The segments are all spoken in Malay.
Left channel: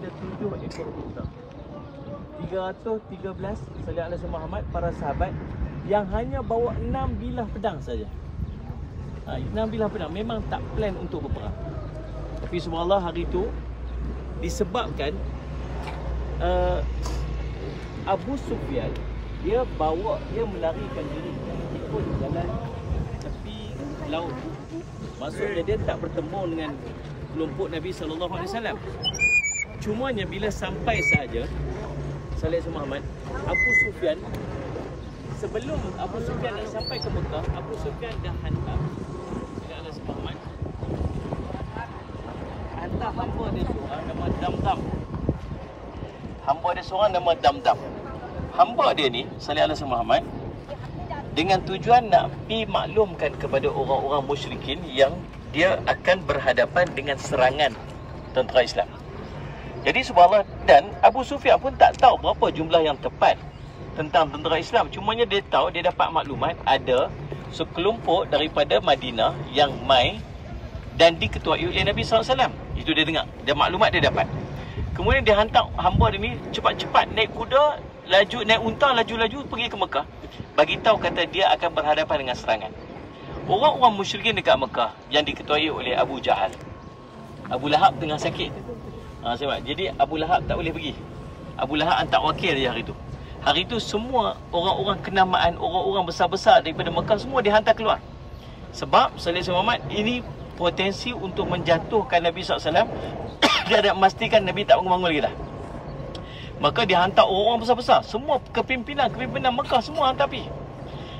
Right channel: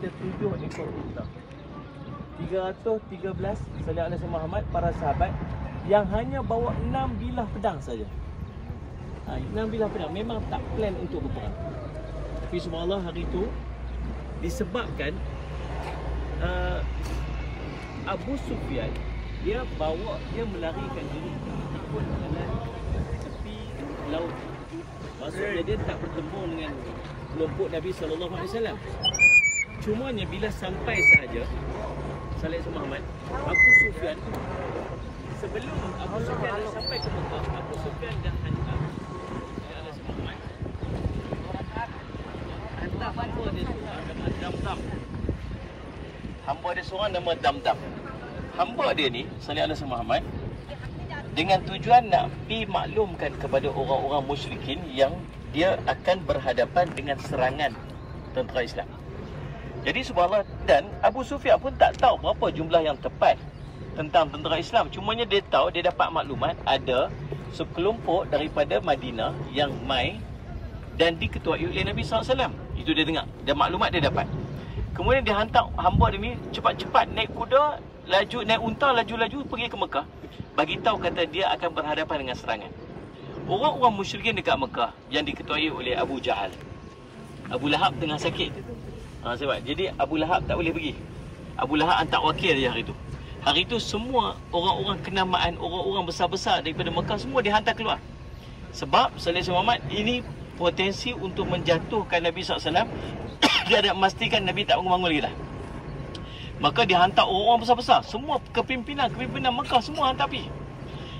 ada 7 ekor unta. 313 sallallahu alaihi Muhammad para sahabat yang hanya bawa 6 bilah pedang saja. 6 bilah pedang, memang tak plan untuk berperang. Tapi subhanallah hari itu disebabkan Abu Sufyan dia melarikan diri ikut jalan tepi laut. Maksudnya dia tak bertemu dengan kelompok Nabi SAW. Cumanya bila sampai saja Sallallahu Muhammad, Abu Sufyan, sebelum Abu Sufyan dah sampai ke Mekah, Abu Sufyan dah hantar hamba dia seorang nama Damdam. Hamba dia seorang nama Damdam. Hamba dia ni Sallallahu Muhammad dengan tujuan nak pi maklumkan kepada orang-orang musyrikin yang dia akan berhadapan dengan serangan tentera Islam. Jadi subhanallah, dan Abu Sufyan pun tak tahu berapa jumlah yang tepat tentang tentera Islam. Cumanya dia tahu, dia dapat maklumat ada sekelompok daripada Madinah yang mai dan diketuai oleh Nabi SAW. Itu dia dengar, dia maklumat dia dapat. Kemudian dia hantar hamba dia ni cepat-cepat naik kuda, laju naik unta, laju-laju pergi ke Mekah. Bagi tahu kata dia akan berhadapan dengan serangan. Orang-orang musyrikin dekat Mekah yang diketuai oleh Abu Jahal. Abu Lahab tengah sakit. Sebab jadi Abu Lahab tak boleh pergi. Abu Lahab hantar wakil dia hari itu. Hari itu semua orang-orang kenamaan, orang-orang besar-besar daripada Mekah semua dihantar keluar. Sebab Sallallahu Muhammad ini potensi untuk menjatuhkan Nabi SAW. Dia nak memastikan Nabi tak bangun-bangun lagi dah. Maka dihantar orang-orang besar-besar. Semua kepimpinan Mekah semua hantar pergi.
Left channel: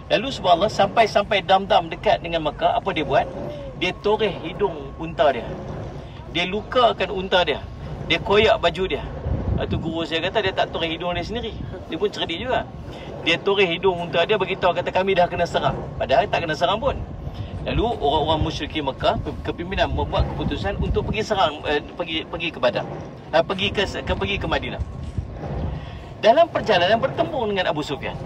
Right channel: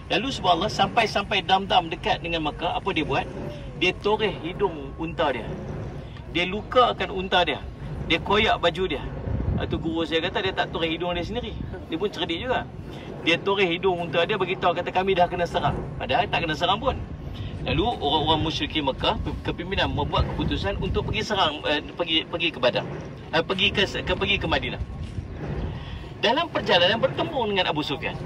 Lalu subhanallah, sampai Damdam dekat dengan Mekah, apa dia buat? Dia toreh hidung unta dia. Dia lukakan unta dia. Dia koyak baju dia. Itu guru saya kata dia tak toreh hidung dia sendiri. Dia pun cerdik juga. Dia toreh hidung unta dia, beritahu kata kami dah kena serang. Padahal tak kena serang pun. Lalu orang-orang musyrikin Mekah, kepimpinan membuat keputusan untuk pergi serang, pergi ke Badar. Pergi ke Madinah. Dalam perjalanan bertemu dengan Abu Sufyan.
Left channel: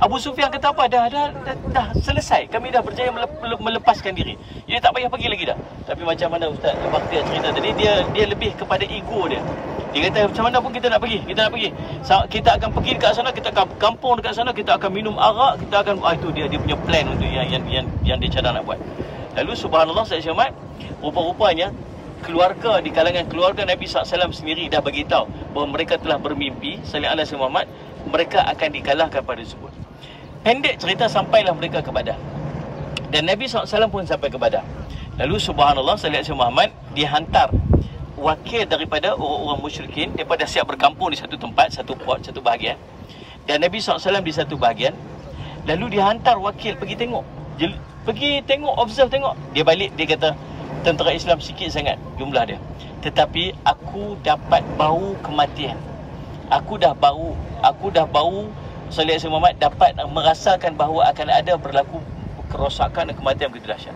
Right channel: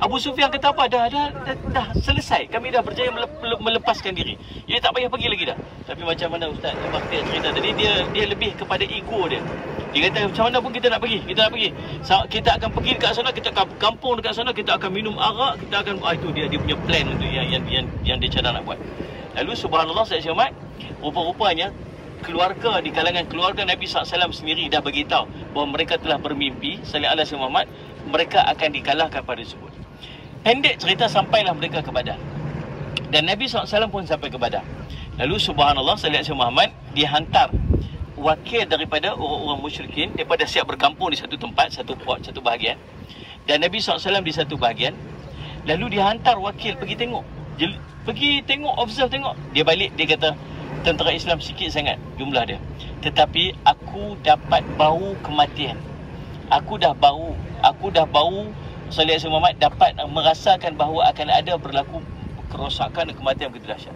Abu Sufyan kata apa? Dah selesai. Kami dah berjaya melepaskan diri. Dia tak payah pergi lagi dah. Tapi macam mana Ustaz Bakhtiar cerita tadi, dia lebih kepada ego dia. Dia kata macam mana pun kita nak pergi. Kita akan pergi dekat sana, kita akan kampung dekat sana, kita akan minum arak, kita akan itu dia punya plan untuk yang dia cadang nak buat. Lalu subhanallah saya cermat, rupa-rupanya keluarga di kalangan keluarga Nabi SAW sendiri dah bagi tahu bahawa mereka telah bermimpi Sallallahu Alaihi Muhammad mereka akan dikalahkan pada tersebut. Pendek cerita, sampailah mereka ke Badar. Dan Nabi SAW pun sampai ke Badar. Lalu subhanallah Sallallahu Alaihi Muhammad dihantar wakil daripada orang-orang musyrikin, daripada siap berkampung di satu tempat, satu bahagian. Dan Nabi SAW di satu bahagian. Lalu dihantar wakil pergi tengok. Observe tengok. Dia balik, dia kata tentera Islam sikit sangat jumlah dia. Tetapi aku dapat bau kematian. Aku dah bau Sallallahu Alaihi Muhammad dapat merasakan bahawa akan ada berlaku kerosakan dan kematian begitu dahsyat.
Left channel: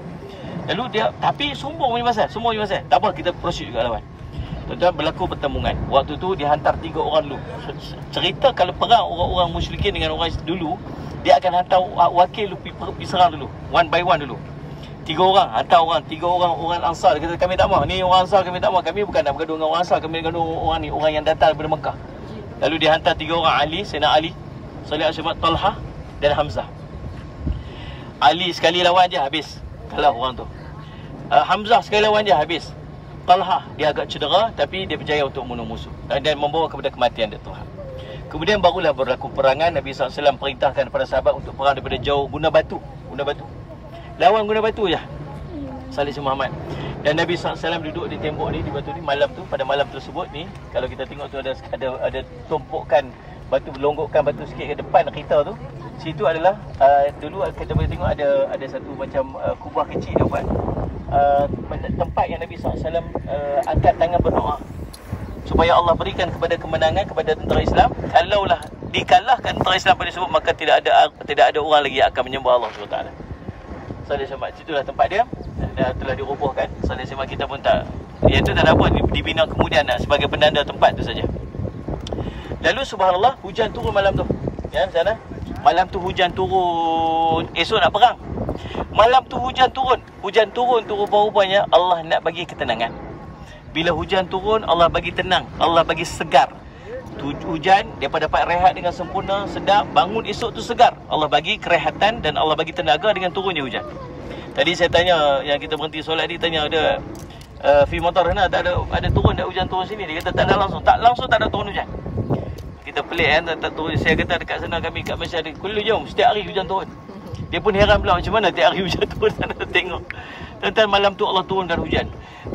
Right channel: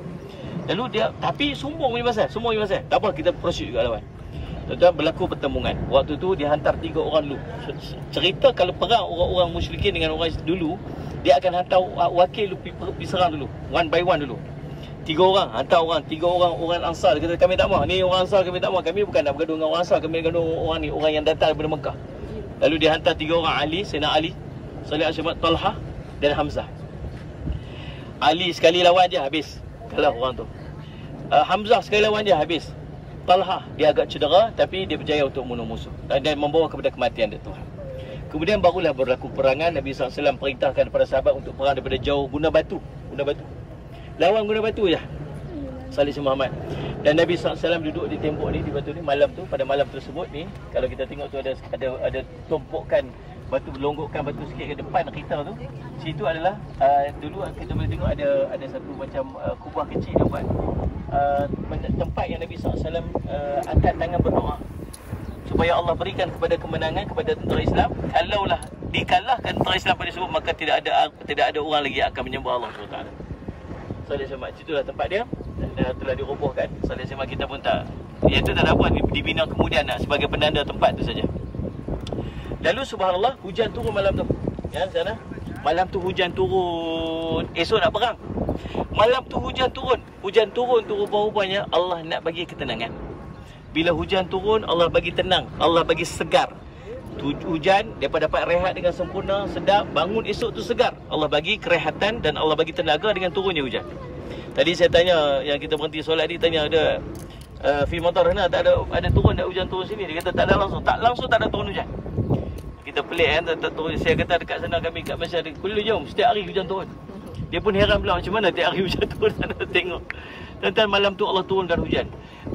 Lalu dia, tapi sombong punya pasal. Tak apa, kita proceed juga lawan. Tuan-tuan, berlaku pertemuan. Waktu tu dia hantar 3 orang dulu. Cerita kalau perang orang-orang musyrikin dengan orang dulu, dia akan hantar wakil lu pergi serang dulu. One by one dulu. 3 orang, hantar orang. 3 orang Ansar. Dia kata kami tak mahu. Ni orang Ansar kami tak mahu. Kami bukan nak bergaduh dengan orang Ansar. Kami nak bergaduh orang ni, orang yang datang daripada Mekah. Lalu dia hantar 3 orang Ali, Sayyidina Ali, Sallallahu Alaihi Wasallam, Talha dan Hamzah. Ali sekali lawan je habis. Kalah orang tu. Hamzah sekali lawan je habis. Talha dia agak cedera tapi dia berjaya untuk membunuh musuh dan membawa kepada kematian dia Tuhan. Kemudian barulah berlaku perangan. Nabi SAW perintahkan kepada sahabat untuk perang daripada jauh, guna batu. Lawan guna batu je Sallallahu Muhammad. Dan Nabi SAW duduk di tembok ni, di batu ni malam tu. Pada malam tersebut ni, kalau kita tengok tu ada tumpukan batu, longgokkan batu sikit ke depan kita tu. Situ adalah dulu kita boleh tengok ada satu macam kubah kecil dia buat. Tempat yang Nabi SAW angkat tangan berdoa supaya Allah berikan kepada kemenangan kepada tentera Islam. Kalaulah dikalahkan tentera Islam pada tersebut, maka tidak ada orang lagi yang akan menyembah Allah SWT. Sallallahu Alaihi Itulah tempat dia. Telah dirobohkan. Sallallahu Alaihi kita pun tak, yang tu tak ada apa, dibina kemudian sebagai penanda tempat tu saja. Lalu subhanallah, hujan turun malam tu. Ya, sana. Malam tu hujan turun. Esok nak perang. Malam tu hujan turun tu rupa-rupanya Allah nak bagi ketenangan. Bila hujan turun, Allah bagi tenang, Allah bagi segar. Hujan, mereka dapat rehat dengan sempurna, sedap. Bangun esok tu segar. Allah bagi kerehatan dan Allah bagi tenaga dengan turunnya hujan. Tadi saya tanya, yang kita berhenti solat ni, tanya ada fi matar sana, tak ada turun, tak hujan turun sini. Dia kata tak ada langsung. Tak langsung tak ada turun hujan. Kita pelik kan, tak turun. Saya kata dekat sana kami kat Malaysia ada kullu jom, setiap hari hujan turun. Dia pun heran pula, macam mana tiap hari hujan turun sana tengok. Tuan-tuan, malam tu Allah turunkan hujan.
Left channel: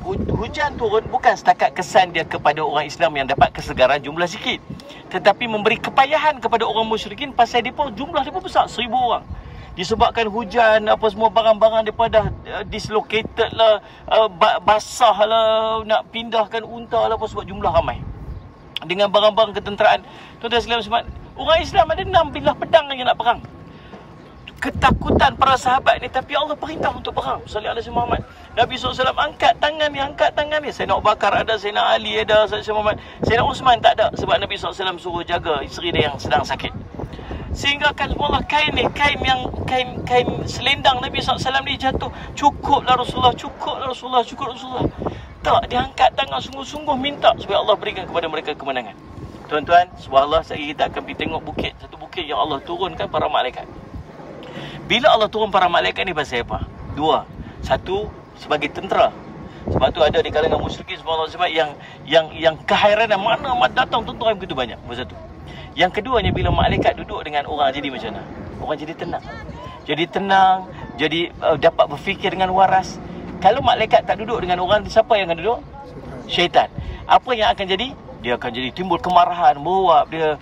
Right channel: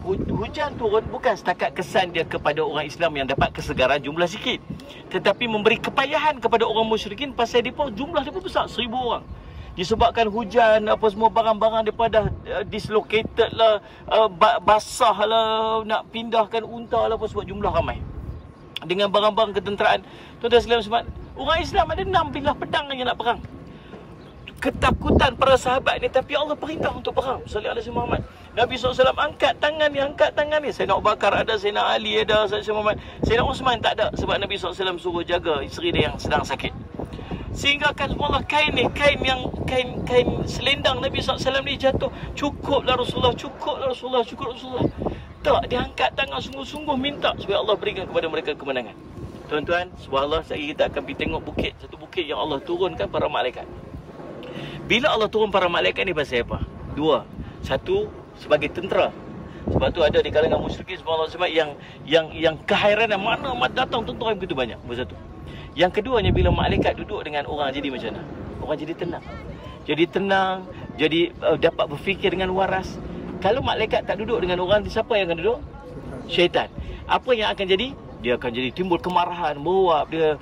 Hujan turun bukan setakat kesan dia kepada orang Islam yang dapat kesegaran jumlah sikit, tetapi memberi kepayahan kepada orang musyrikin pasal jumlah mereka besar, 1000 orang. Disebabkan hujan, apa semua barang-barang mereka dah dislocated lah, basah lah, nak pindahkan unta lah, apa sebab jumlah ramai. Dengan barang-barang ketenteraan. Tuan-tuan sekalian, sebab orang Islam ada 6 bilah pedang yang nak perang. Ketakutan para sahabat ni, tapi Allah perintah untuk perang. Sallallahu alaihi Muhammad. Nabi SAW angkat tangan ni. Sayyidina Abu Bakar ada, Sayyidina Ali ada, Sayyidina Muhammad. Sayyidina Osman tak ada, sebab Nabi SAW suruh jaga isteri dia yang sedang sakit. Sehingga kan Allah kain selendang Nabi SAW ni jatuh. Cukuplah Rasulullah. Tak, dia angkat tangan sungguh-sungguh minta supaya Allah berikan kepada mereka kemenangan. Tuan-tuan, subhanallah, sekali kita akan pergi tengok bukit. Satu bukit yang Allah turunkan para malaikat. Bila Allah turun para malaikat ni pasal apa? 2. Satu, sebagai tentera. Sebab tu ada di kalangan musyrikin subhanallah, sebab yang kehairanan mana datang tentera begitu banyak. Satu. Yang keduanya, bila malaikat duduk dengan orang, jadi macam mana? Orang jadi tenang. Jadi dapat berfikir dengan waras. Kalau malaikat tak duduk dengan orang, siapa yang akan duduk? Syaitan. Apa yang akan jadi? Dia akan jadi timbul kemarahan, meruap, dia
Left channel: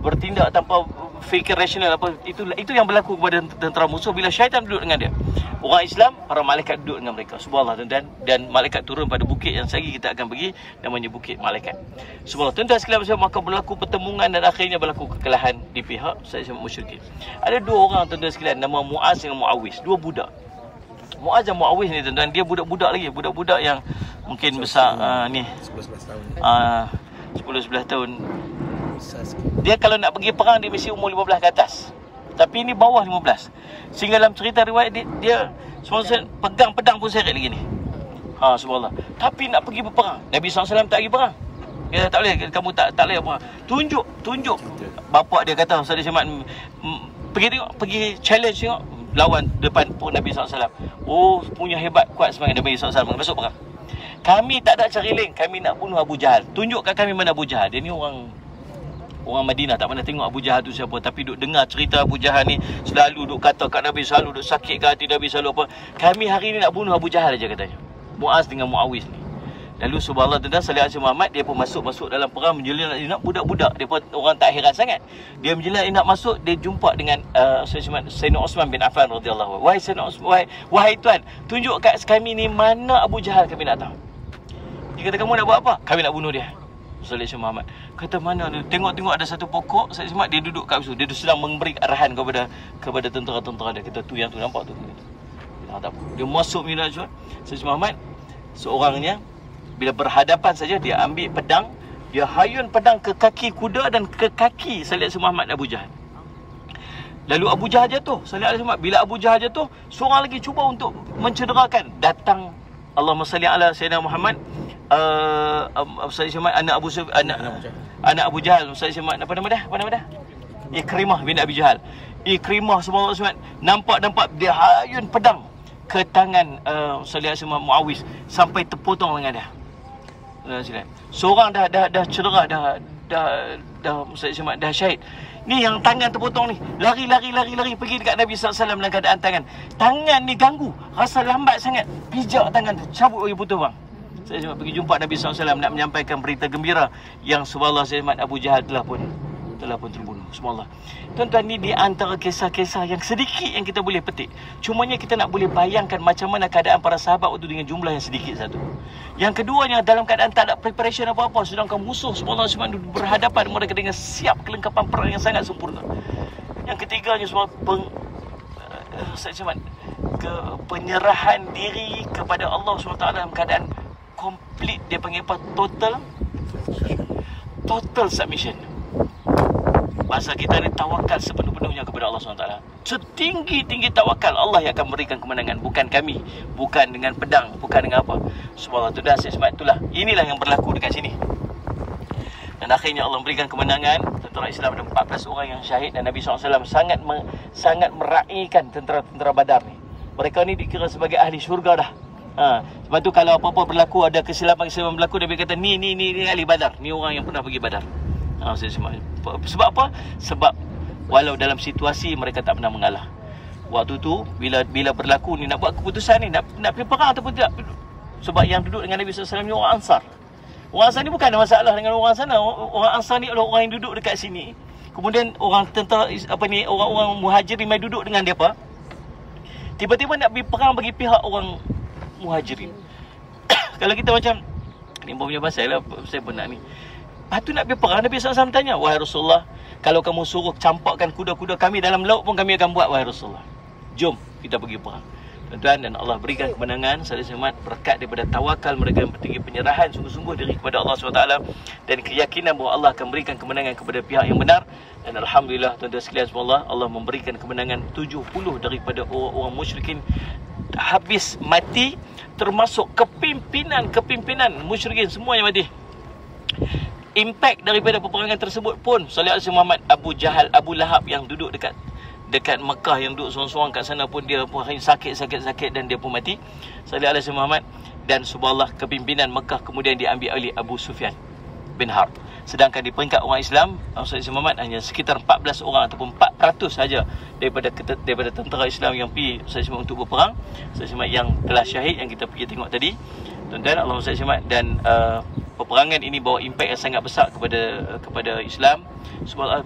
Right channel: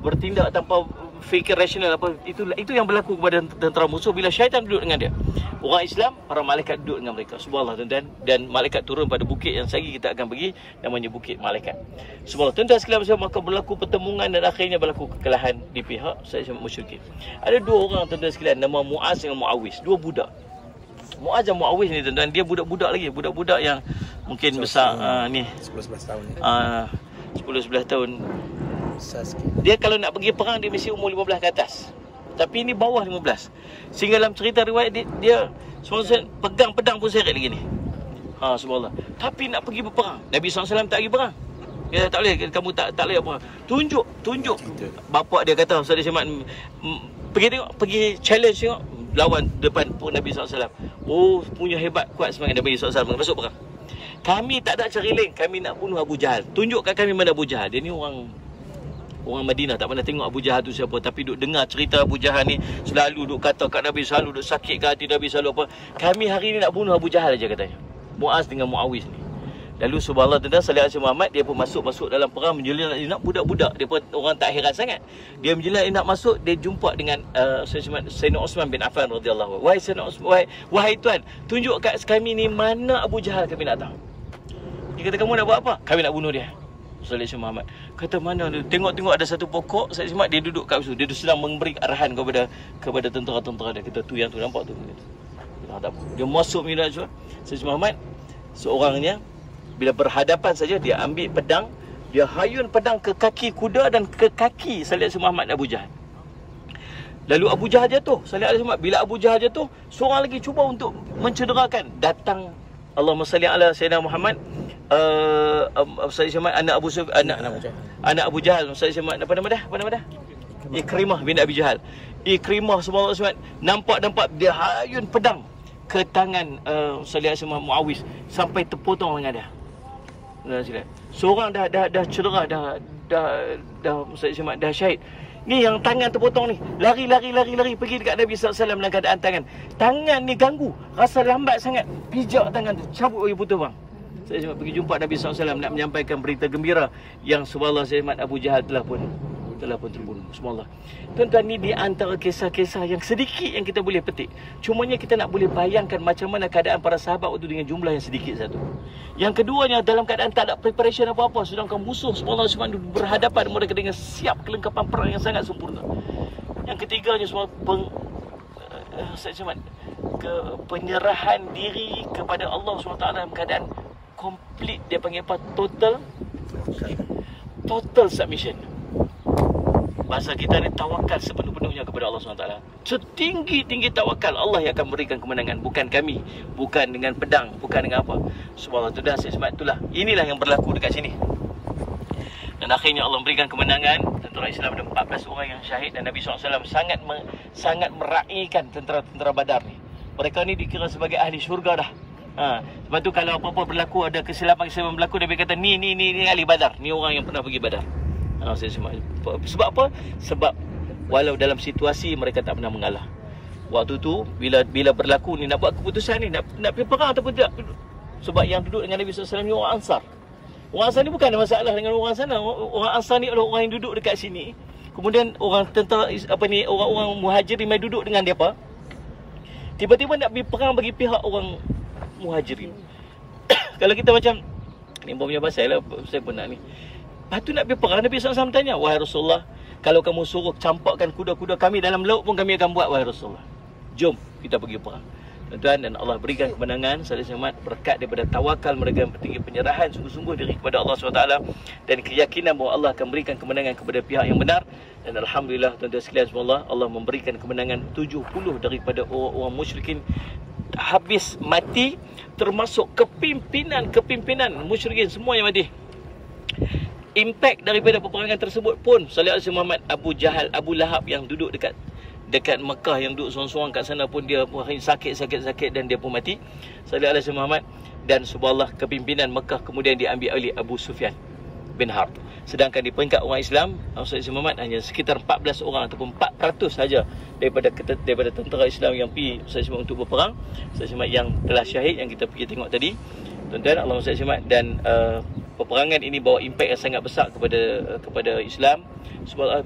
bertindak tanpa fikir rasional apa. Itu yang berlaku kepada tentera musuh bila syaitan duduk dengan dia. Orang Islam, para malaikat duduk dengan mereka. Subhanallah, tuan-tuan. Dan malaikat turun pada bukit yang sekali kita akan pergi, namanya bukit malaikat. Subhanallah, tuan-tuan sekalian, maka berlaku pertemuan dan akhirnya berlaku kekalahan di pihak Sayyid musyrikin. Ada 2 orang, tuan-tuan sekalian, nama Muaz dengan Muawiz, 2 budak. Muaz dan Muawiz ni, tuan-tuan, dia budak-budak lagi, budak-budak yang mungkin besar ni 11-12 tahun. 10-11 tahun. Dia kalau nak pergi perang dia mesti umur 15 ke atas. Tapi ini bawah 15. Sehingga dalam cerita riwayat dia pegang pedang pun seret lagi ni. Subhanallah. Tapi nak pergi berperang, Nabi SAW tak pergi perang. Dia tak boleh, kamu tak boleh perang. Tunjuk. Bapak dia kata, Ustaz Syamat, pergi tengok, pergi challenge tengok, lawan depan pun Nabi SAW. Oh, punya hebat, kuat semangat Nabi SAW masuk perang. Kami tak ada cariling, kami nak bunuh Abu Jahal. Tunjukkan kami mana Abu Jahal. Dia ni orang Madinah, tak pernah tengok Abu Jahal tu siapa, tapi duk dengar cerita Abu Jahal ni, selalu duk kata kat Nabi, selalu duk sakit kat hati Nabi, selalu apa. Kami hari ni nak bunuh Abu Jahal aja katanya. Muaz dengan Muawiz ni. Lalu subhanallah, tuan-tuan, sallallahu alaihi Muhammad, dia pun masuk dalam perang, menjelang nak budak-budak. Dia pun orang tak heran sangat. Dia menjelang nak masuk, dia jumpa dengan Sayyidina Osman bin Affan radhiyallahu anhu. Wahai Sayyidina Osman, wahai tuan, tunjuk kat kami ni mana Abu Jahal, kami nak tahu. Dia kata, kamu nak buat apa? Kami nak bunuh dia. Sallallahu Muhammad kata, mana dia? Tengok ada satu pokok, Sallallahu Muhammad, dia duduk kat situ. Dia sedang memberi arahan kepada tentera-tentera dia. Kata, tu yang tu nampak tu. Dia masuk minat juga. Sallallahu Muhammad seorangnya, bila berhadapan saja, dia ambil pedang, dia hayun pedang ke kaki kuda dan ke kaki Sallallahu Muhammad Abu Jahal. Lalu Abu Jahal jatuh. Sallallahu Muhammad, bila Abu Jahal jatuh, seorang lagi cuba untuk mencederakan. Datang Allahumma salli ala Sayyidina Muhammad, anak Abu Jahal, apa nama dia? Ikrimah bin Abi Jahal. Ikrimah subhanallah, nampak dia hayun pedang ke tangan Sallallahu Muawiz sampai terpotong lengan dia. Seorang dah cedera, dah syahid. Ni yang tangan terpotong ni, lari pergi dekat Nabi SAW dalam keadaan tangan ni ganggu, rasa lambat sangat, pijak tangan tu, cabut bagi putus bang. Saya pergi jumpa Nabi SAW nak menyampaikan berita gembira yang subhanallah Sayyid Abu Jahal telah pun terbunuh. Subhanallah. Tuan-tuan, ni di antara kisah-kisah yang sedikit yang kita boleh petik. Cumanya kita nak boleh bayangkan macam mana keadaan para sahabat waktu dengan jumlah yang sedikit satu. Yang keduanya, dalam keadaan tak ada preparation apa-apa, sedangkan musuh subhanallah berhadapan mereka dengan siap kelengkapan perang yang sangat sempurna. Yang ketiganya penyerahan diri kepada Allah SWT dalam keadaan complete. Dia panggil apa? Total submission. Bahasa kita ni tawakal sepenuh sepenuhnya kepada Allah SWT. Setinggi-tinggi tawakal, Allah yang akan memberikan kemenangan, bukan kami, bukan dengan pedang, bukan dengan apa. Subhanallah. Sebab itulah, inilah yang berlaku dekat sini. Dan akhirnya Allah memberikan kemenangan. Tentera Islam ada 14 orang yang syahid, dan Nabi SAW sangat meraihkan tentera-tentera Badar ni. Mereka ni dikira sebagai ahli syurga dah. Sebab tu kalau apa-apa berlaku, ada kesilapan berlaku, Nabi kata ni ahli Badar, ni orang yang pernah pergi Badar. Sebab apa? Sebab walau dalam situasi mereka tak pernah mengalah. Waktu tu bila berlaku ni, nak buat keputusan ni, nak pergi perang ataupun tidak. Sebab yang duduk dengan Nabi SAW ni orang Ansar. Orang Ansar ni bukan ada masalah dengan orang sana. Orang Ansar ni adalah orang yang duduk dekat sini. Kemudian orang tentera orang Muhajirin mai duduk dengan depa. Tiba-tiba nak pergi perang bagi pihak orang Muhajirin. Kalau kita macam ni punya pasal lah, saya pun nak ni. Lepas tu nak pergi perang, Nabi SAW tanya, wahai Rasulullah, kalau kamu suruh campakkan kuda-kuda kami dalam laut pun kami akan buat, wahai Rasulullah. Jom kita pergi perang. Tuan-tuan, dan Allah berikan kemenangan, saling semat berkat daripada tawakal mereka yang bertinggi, penyerahan sungguh-sungguh diri kepada Allah SWT, dan keyakinan bahawa Allah akan berikan kemenangan kepada pihak yang benar. Dan Alhamdulillah, tuan-tuan sekalian semua, Allah memberikan kemenangan 70 daripada orang musyrikin habis mati, termasuk kepimpinan musyrikin semua yang mati. Impak daripada peperangan tersebut pun sallallahu alaihi Muhammad, Abu Jahal, Abu Lahab yang duduk dekat Mekah, yang duduk seorang-seorang kat sana pun dia pun sakit dan dia pun mati, sallallahu alaihi Muhammad. Dan subhanallah, kepimpinan Mekah kemudian diambil oleh Abu Sufyan bin Harb. Sedangkan di peringkat orang Islam, sallallahu Muhammad hanya sekitar 14 orang ataupun 4% saja daripada tentera Islam yang pergi sallallahu untuk berperang, sallallahu yang telah syahid, yang kita pergi tengok tadi. Tuan-tuan, Allah SWT, dan peperangan ini bawa impak yang sangat besar kepada Islam. Sebab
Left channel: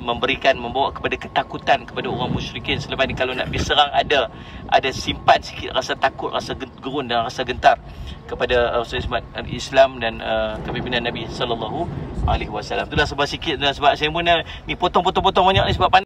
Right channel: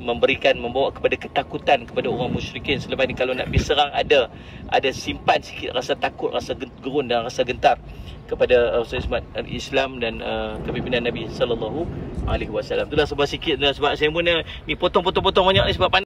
membawa kepada ketakutan kepada orang musyrikin. Selepas ni kalau nak pergi serang, ada simpan sikit rasa takut, rasa gerun dan rasa gentar kepada Islam dan kepimpinan Nabi sallallahu alaihi wasallam. Itulah sebab sikit, sebab saya pun ni potong banyak ni sebab